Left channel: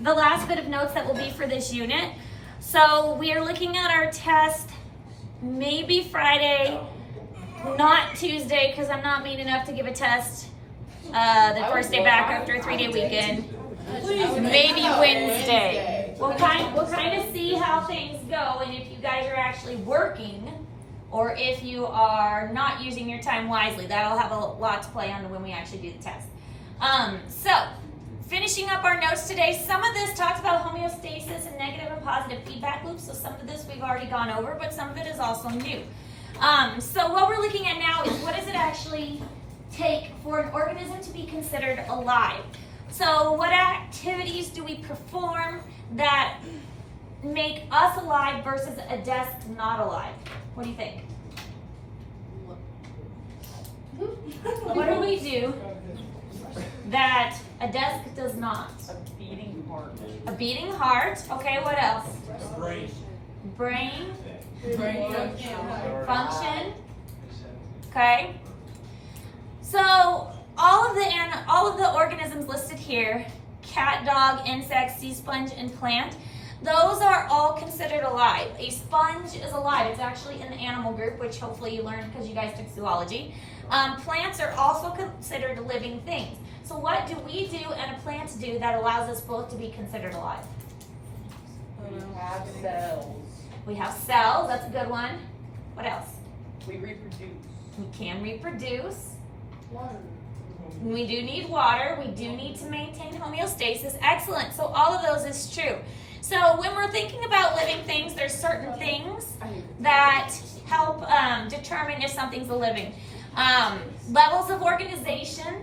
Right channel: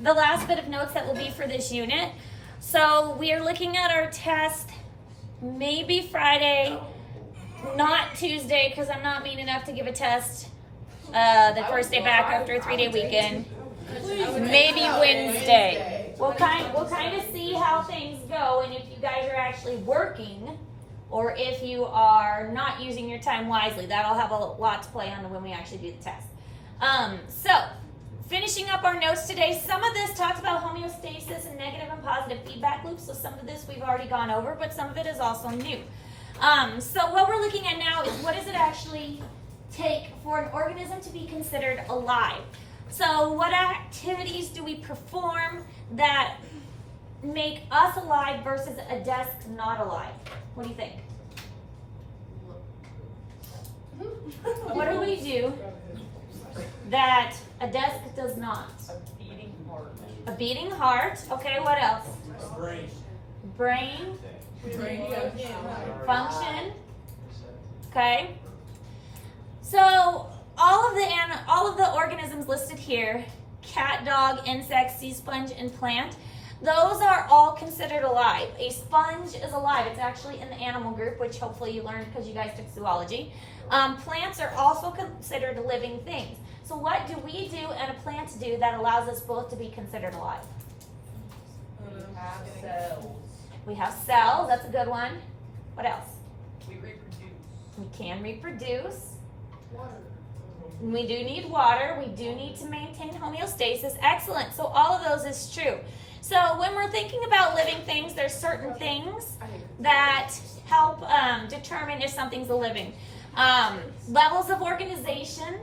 the last bit of notes that will be for this unit. So we are looking at our test maybe Friday, not Tuesday, because I'm not mean enough to give a test the first day back after a 3-day weekend. Maybe Wednesday. We'll kind of see how things go, and if you guys are actually working, or if you are not using your time wisely. That'll have a lot to play on when we actually do the test. So, finishing up our notes today, some of this talks about homeostasis and negative and positive feedback loops, so some of this we've already gone over, but some of it is also new. So what we're looking at now is what does it actually take for an organism to be considered alive? So what activities do we perform that make us alive versus a desk not alive? What do you think? What do we do that a desk does not? A beating heart. A beating heart. Okay, what else? Brain. Function. Okay. So all of the organisms listed here, cat, dog, insect, sea sponge, and plant, those are all considered alive. A sponge is alive. It's actually in the animal group, which hopefully you learned because you guys took zoology. Plants are also considered living things. So what do we do and a plant do that allows us both to be considered alive? Have cells. We have cells. That's a good one. What else? We reproduce. We can reproduce. Water. We do need water. We do need to maintain homeostasis. Excellent. So all of those is true. So when we're thinking about living things, there's certain things that help determine if something's a living. Levels of organization,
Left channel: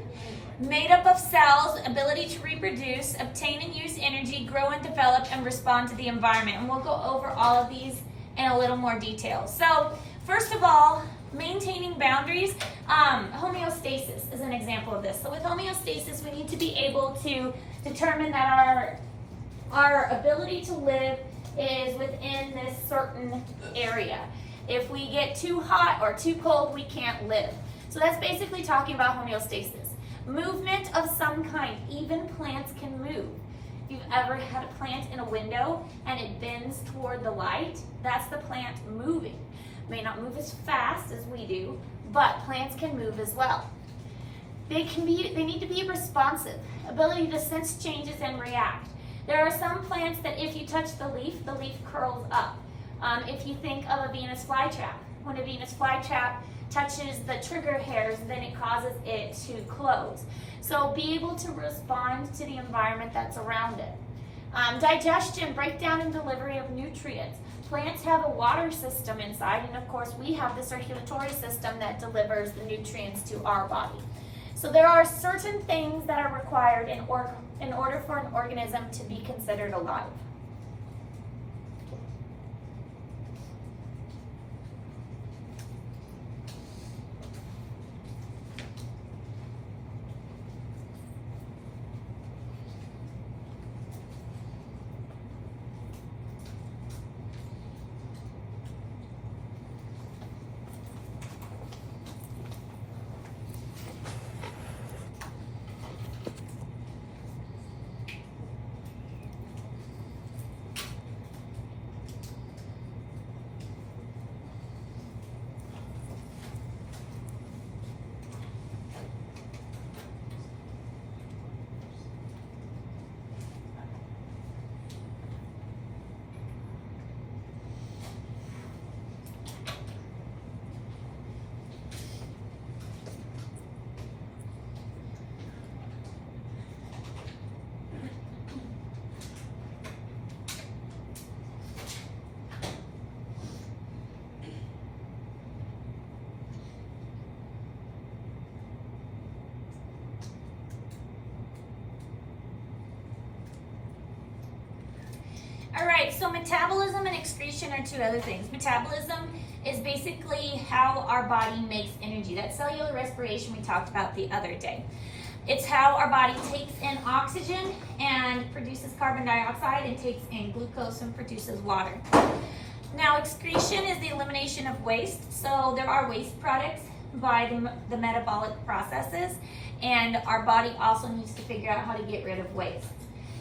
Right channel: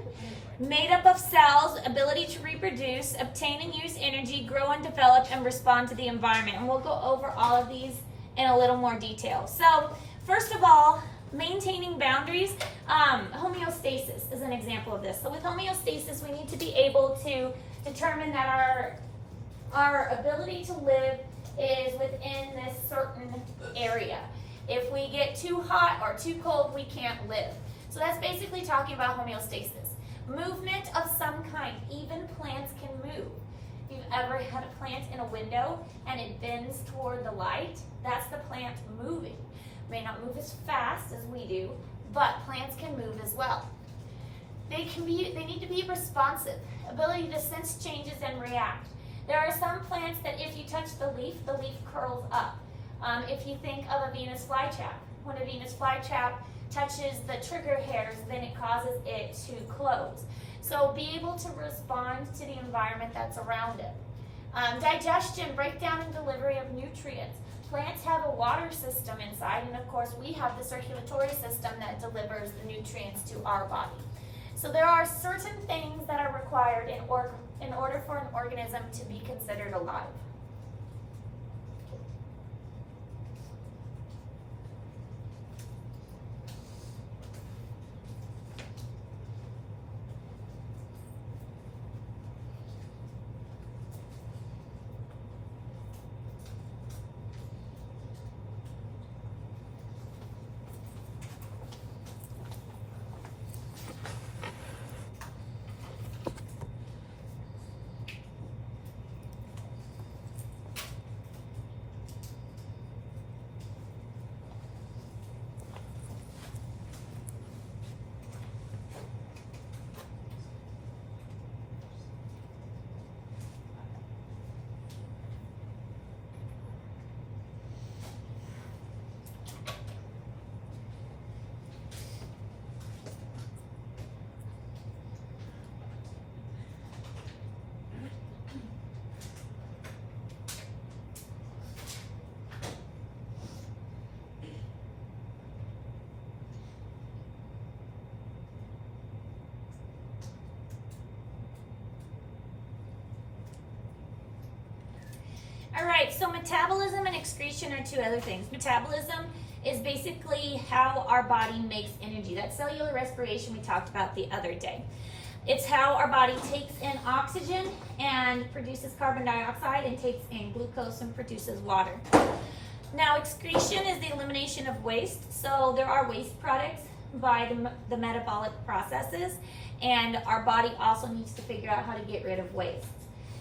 made up of cells, ability to reproduce, obtain and use energy, grow and develop, and respond to the environment. And we'll go over all of these in a little more detail. So first of all, maintaining boundaries. Homeostasis is an example of this. So with homeostasis, we need to be able to determine that our ability to live is within this certain area. If we get too hot or too cold, we can't live. So that's basically talking about homeostasis. Movement of some kind, even plants can move. If you've ever had a plant in a window and it bends toward the light, that's the plant moving. May not move as fast as we do, but plants can move as well. They need to be responsive, ability to sense changes and react. There are some plants that if you touch the leaf curls up. If you think of a Venus flytrap, when a Venus flytrap touches the trigger hairs, then it causes it to close. So be able to respond to the environment that's around it. Digestion, breakdown and delivery of nutrients. Plants have a water system inside, and of course we have the circulatory system that delivers the nutrients to our body. So there are certain things that are required in order for an organism to be considered alive. All right, so metabolism and excretion are two other things. Metabolism is basically how our body makes energy. That cellular respiration we talked about the other day. It's how our body takes in oxygen and produces carbon dioxide and takes in glucose and produces water. Now, excretion is the elimination of waste. So there are waste products by the metabolic processes, and our body also needs to figure out how to get rid of waste.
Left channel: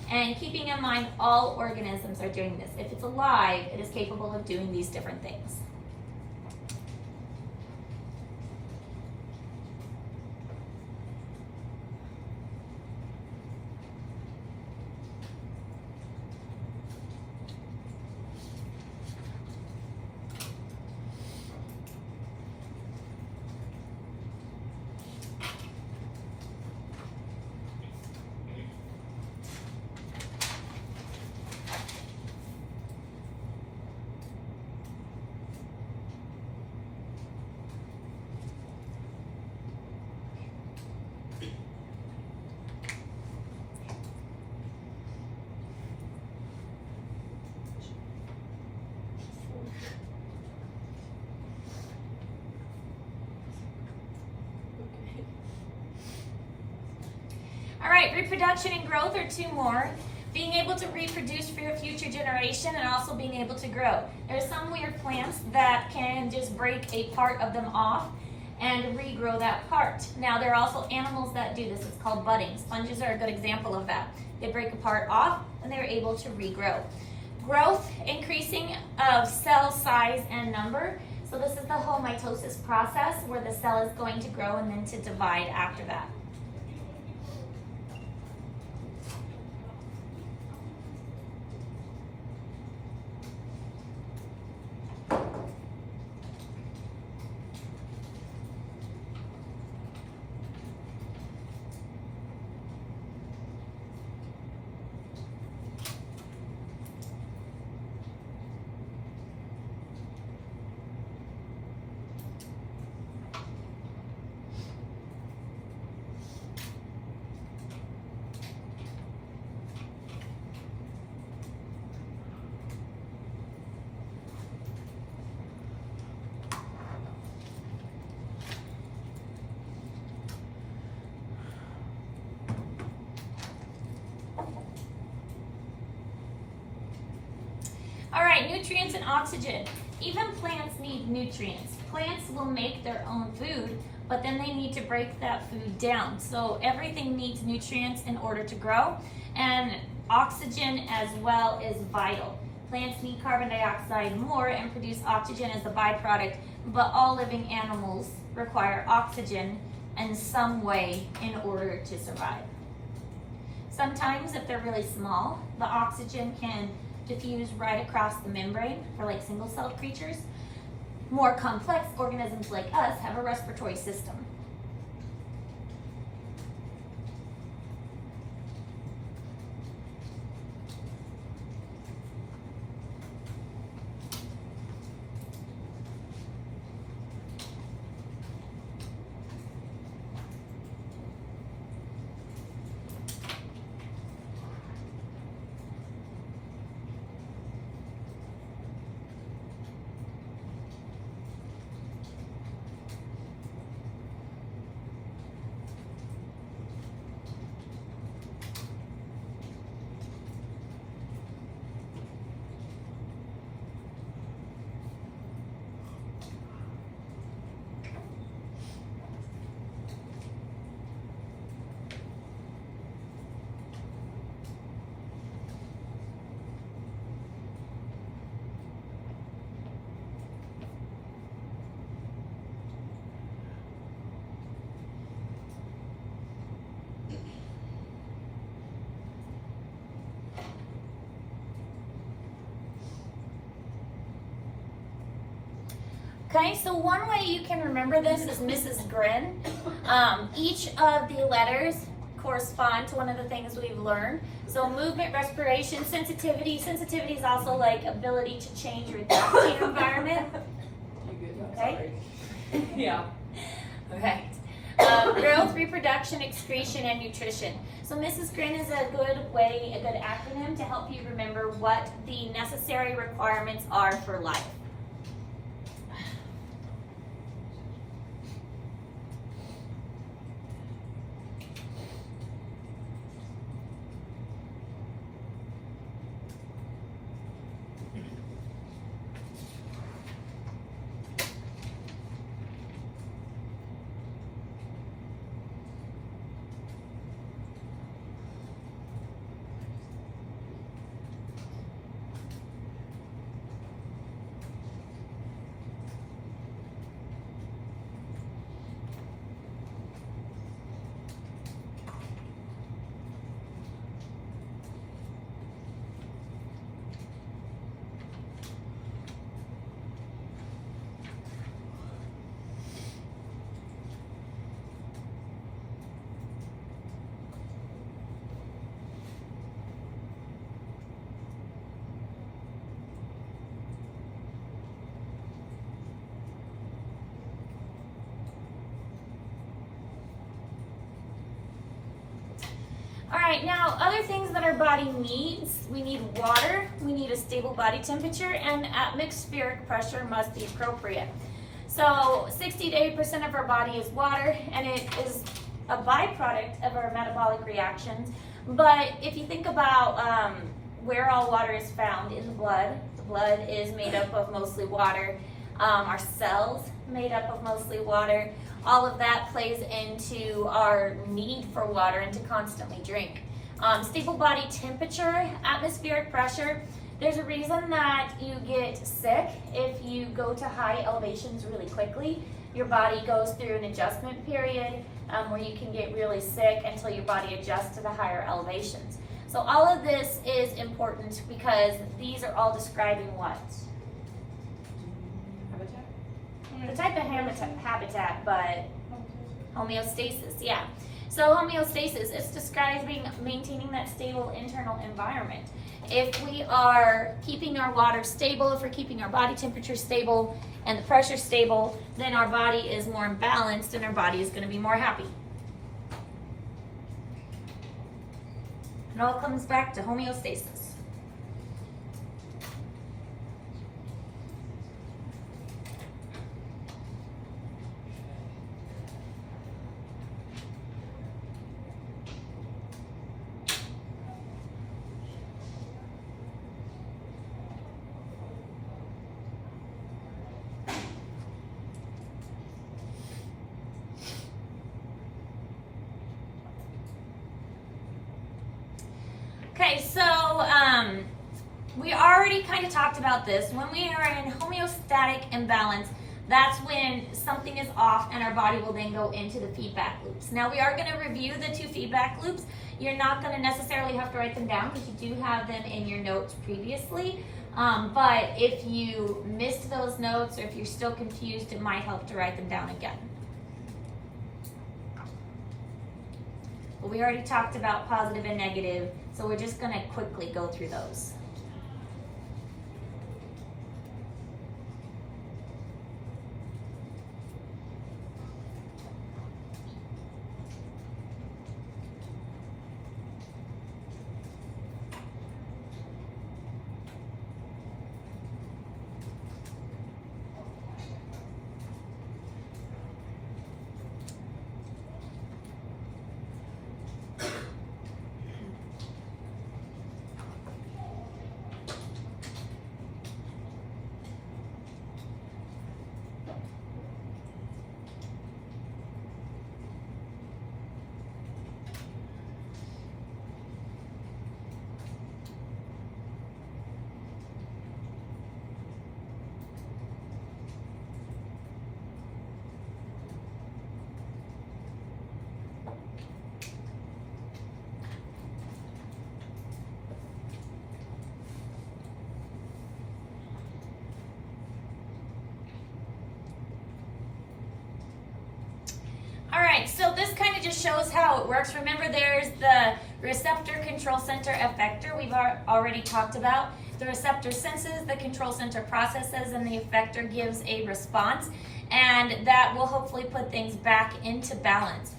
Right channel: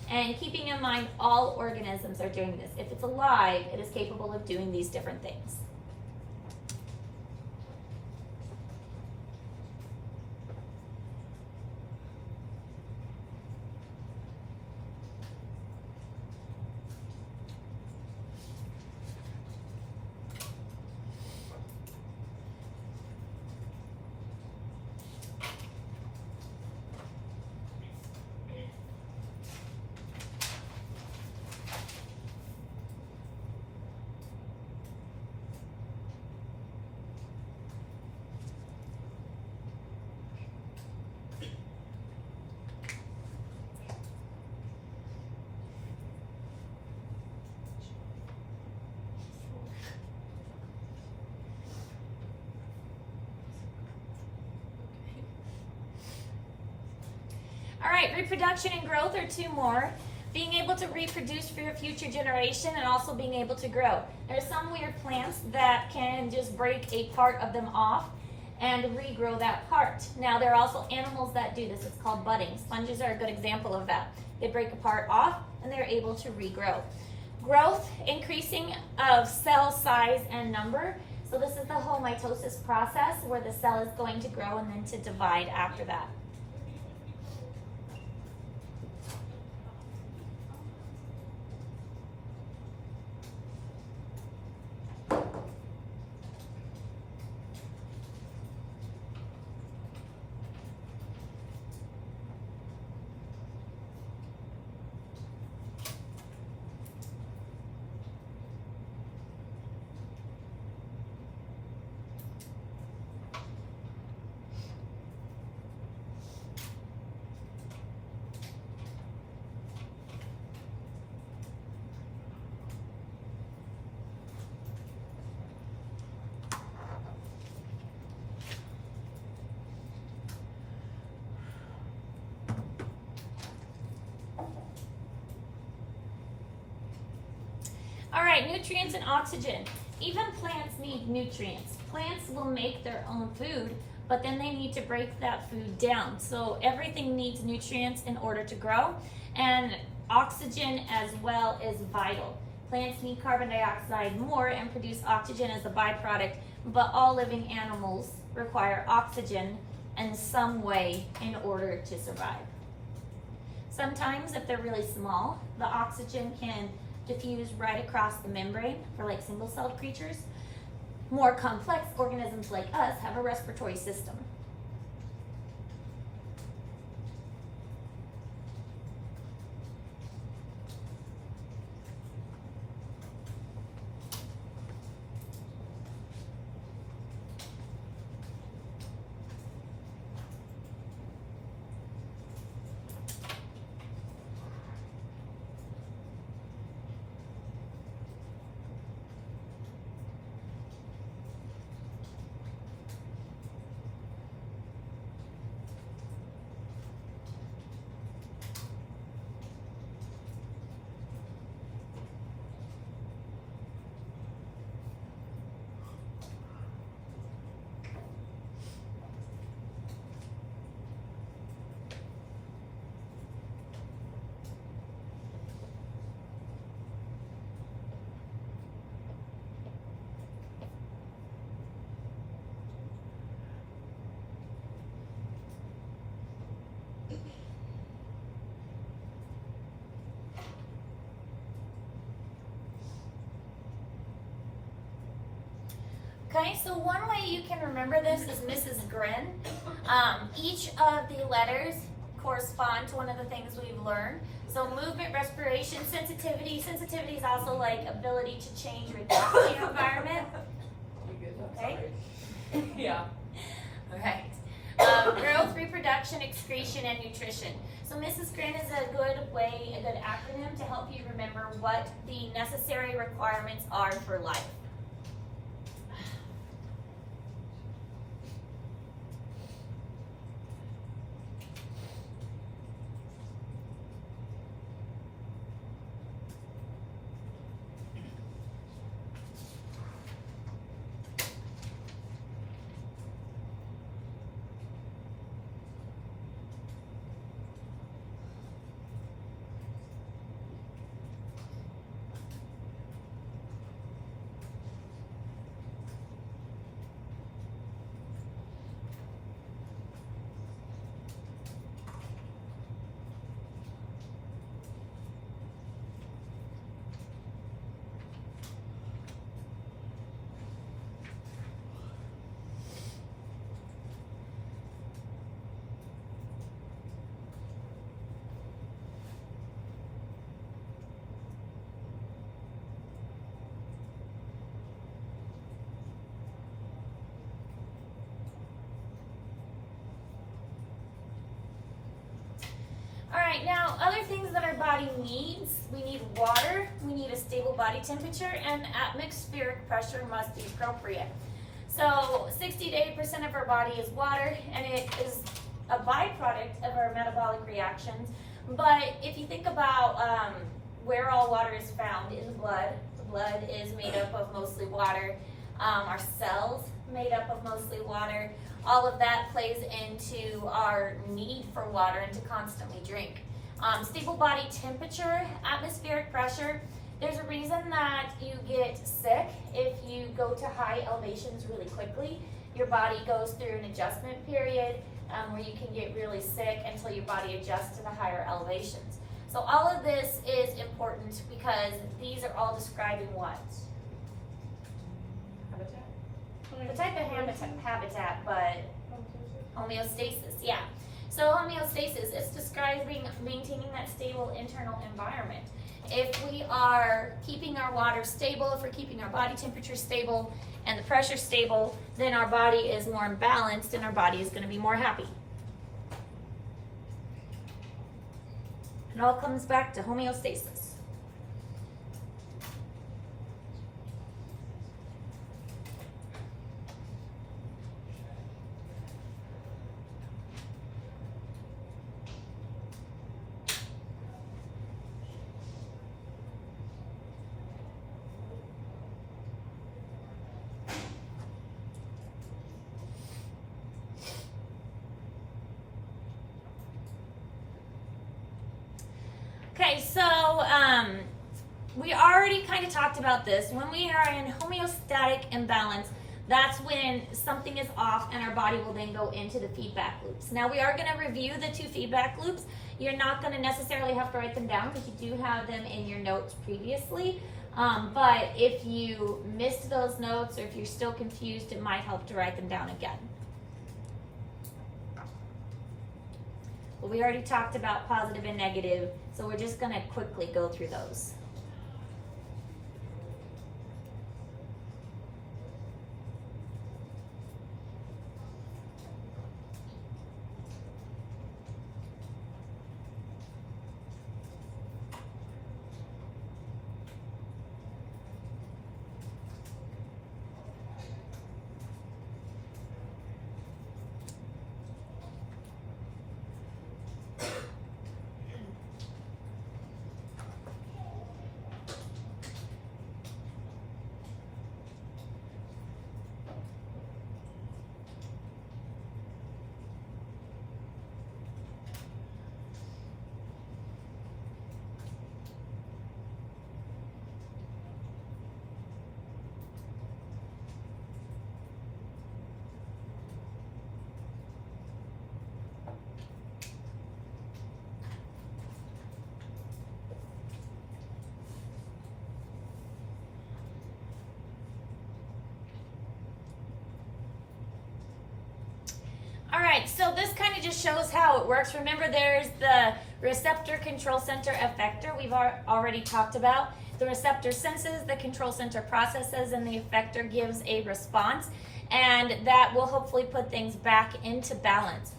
And keeping in mind all organisms are doing this. If it's alive, it is capable of doing these different things. All right, reproduction and growth are two more. Being able to reproduce for a future generation and also being able to grow. There are some weird plants that can just break a part of them off and regrow that part. Now, there are also animals that do this. It's called budding. Sponges are a good example of that. They break a part off and they're able to regrow. Growth, increasing of cell size and number. So this is the whole mitosis process where the cell is going to grow and then to divide after that. All right, nutrients and oxygen. Even plants need nutrients. Plants will make their own food, but then they need to break that food down. So everything needs nutrients in order to grow, and oxygen as well is vital. Plants need carbon dioxide more and produce oxygen as a byproduct, but all living animals require oxygen in some way in order to survive. Sometimes, if they're really small, the oxygen can diffuse right across the membrane for like single-celled creatures. More complex organisms like us have a respiratory system. Okay, so one way you can remember this is Mrs. Grin. Each of the letters correspond to one of the things we've learned. So movement, respiration, sensitivity. Sensitivity is also like ability to change or adapt to your environment. Okay? Yeah. Okay. Growth, reproduction, excretion, and nutrition. So Mrs. Grin is a good acronym to help you remember what the necessary requirements are for life. All right, now other things that our body needs, we need water, we need a stable body temperature, and atmospheric pressure must be appropriate. So 60 to 80% of our body is water, and it is a byproduct of our metabolic reactions. But if you think about where all water is found in the blood is made up of mostly water. Our cells made up of mostly water. All of that plays into our need for water and to constantly drink. Stable body temperature, atmospheric pressure. There's a reason that you get sick if you go to high elevations really quickly. Your body goes through an adjustment period where you can get really sick until your body adjusts to the higher elevations. So all of this is important because these are all describing what? The type of habitat, but homeostasis, yeah. So homeostasis is describing maintaining that stable internal environment. If we are keeping our water stable, if we're keeping our body temperature stable and the pressure stable, then our body is more balanced and our body is going to be more happy. It all comes back to homeostasis. Okay, so we already kind of talked about this. When we are in homeostatic imbalance, that's when something is off and our body will then go into the feedback loops. Now we are going to review the 2 feedback loops. You're not going to necessarily have to write them down because you do have them in your notes previously. But if you missed those notes or if you're still confused, it might help to write them down again. But we already talked about positive and negative, so we're just going to quickly go through those. Alright, so this kind of just shows how it works. Remember, there's the receptor, control center, effector we've already talked about. The receptor senses, the control center processes, and the effector gives a response. And that will hopefully put things back into balance.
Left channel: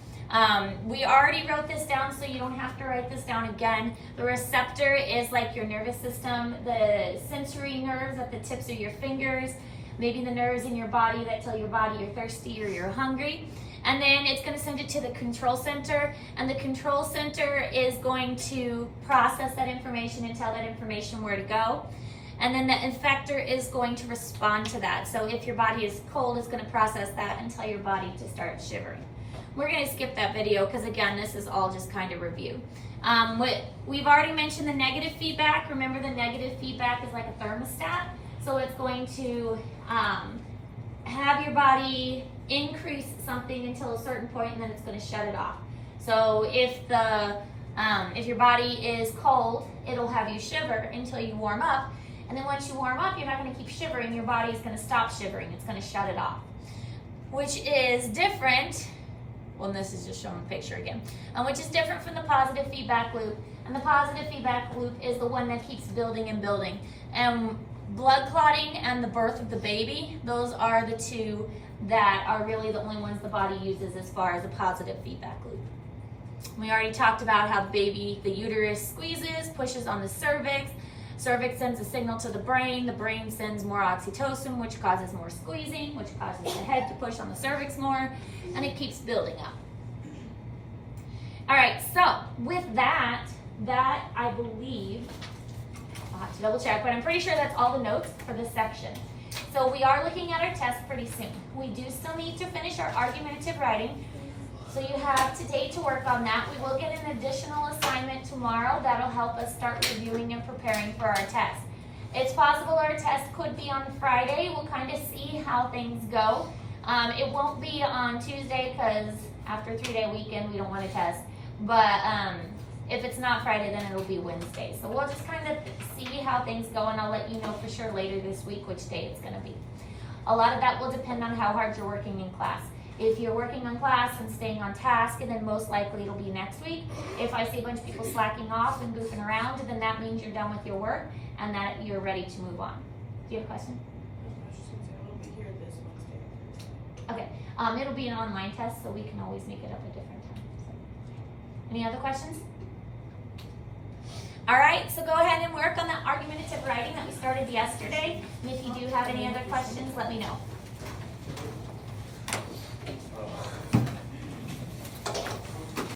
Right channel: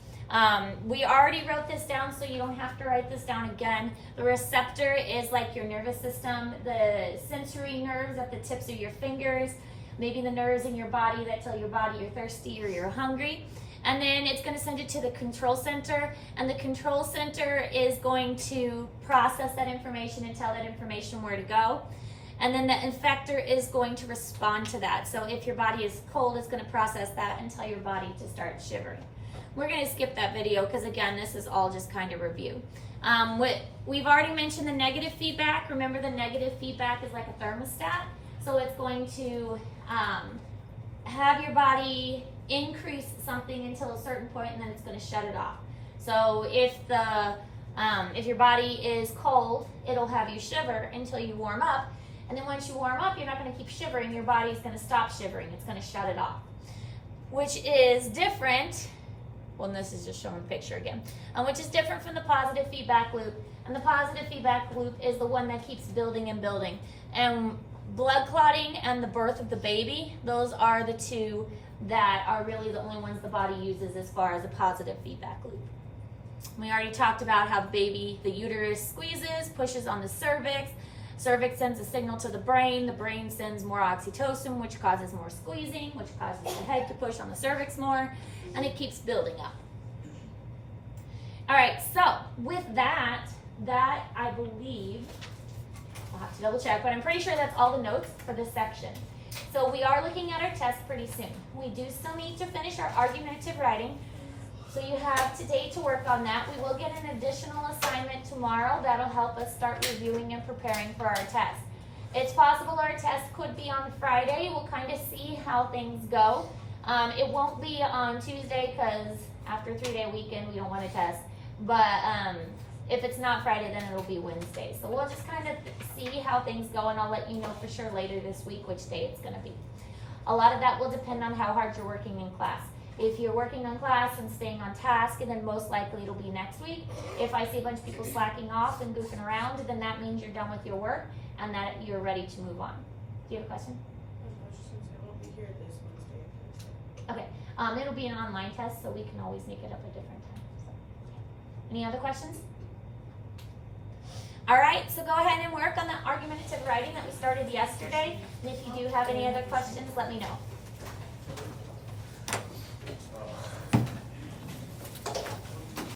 We already wrote this down, so you don't have to write this down again. The receptor is like your nervous system, the sensory nerves at the tips of your fingers, maybe the nerves in your body that tell your body you're thirsty or you're hungry. And then it's going to send it to the control center, and the control center is going to process that information and tell that information where to go. And then the effector is going to respond to that. So if your body is cold, it's going to process that and tell your body to start shivering. We're going to skip that video because, again, this is all just kind of review. We've already mentioned the negative feedback. Remember, the negative feedback is like a thermostat. So it's going to have your body increase something until a certain point, and then it's going to shut it off. So if your body is cold, it'll have you shiver until you warm up. And then once you warm up, you're not going to keep shivering. Your body is going to stop shivering. It's going to shut it off, which is different. Well, this is just showing a picture again, which is different from the positive feedback loop. And the positive feedback loop is the one that keeps building and building. And blood clotting and the birth of the baby, those are the two that are really the only ones the body uses as far as a positive feedback loop. We already talked about how the uterus squeezes, pushes on the cervix. Cervix sends a signal to the brain sends more oxytocin, which causes more squeezing, which causes the head to push on the cervix more, and it keeps building up. All right, so with that I believe, I'll have to double check, but I'm pretty sure that's all the notes for this section. So we are looking at our test pretty soon. We do still need to finish our argumentative writing. So you have today to work on that. We will get an additional assignment tomorrow that'll help us start reviewing and preparing for our test. It's possible our test could be on Friday. We'll kind of see how things go. It won't be on Tuesday because after a 3-day weekend we don't want to test. But if it's not Friday, then it'll be Wednesday. So we'll just kind of see how things go, and I'll let you know for sure later this week which day it's going to be. A lot of that will depend on how hard you're working in class. If you're working on class and staying on task, then most likely it'll be next week. If I see a bunch of people slacking off and goofing around, then that means you're done with your work and that you're ready to move on. Do you have a question? Okay. It'll be an online test, so we can always make it up a different time. So. Any other questions? All right, so go ahead and work on that argumentative writing that we started yesterday. And if you do have any other questions, let me know.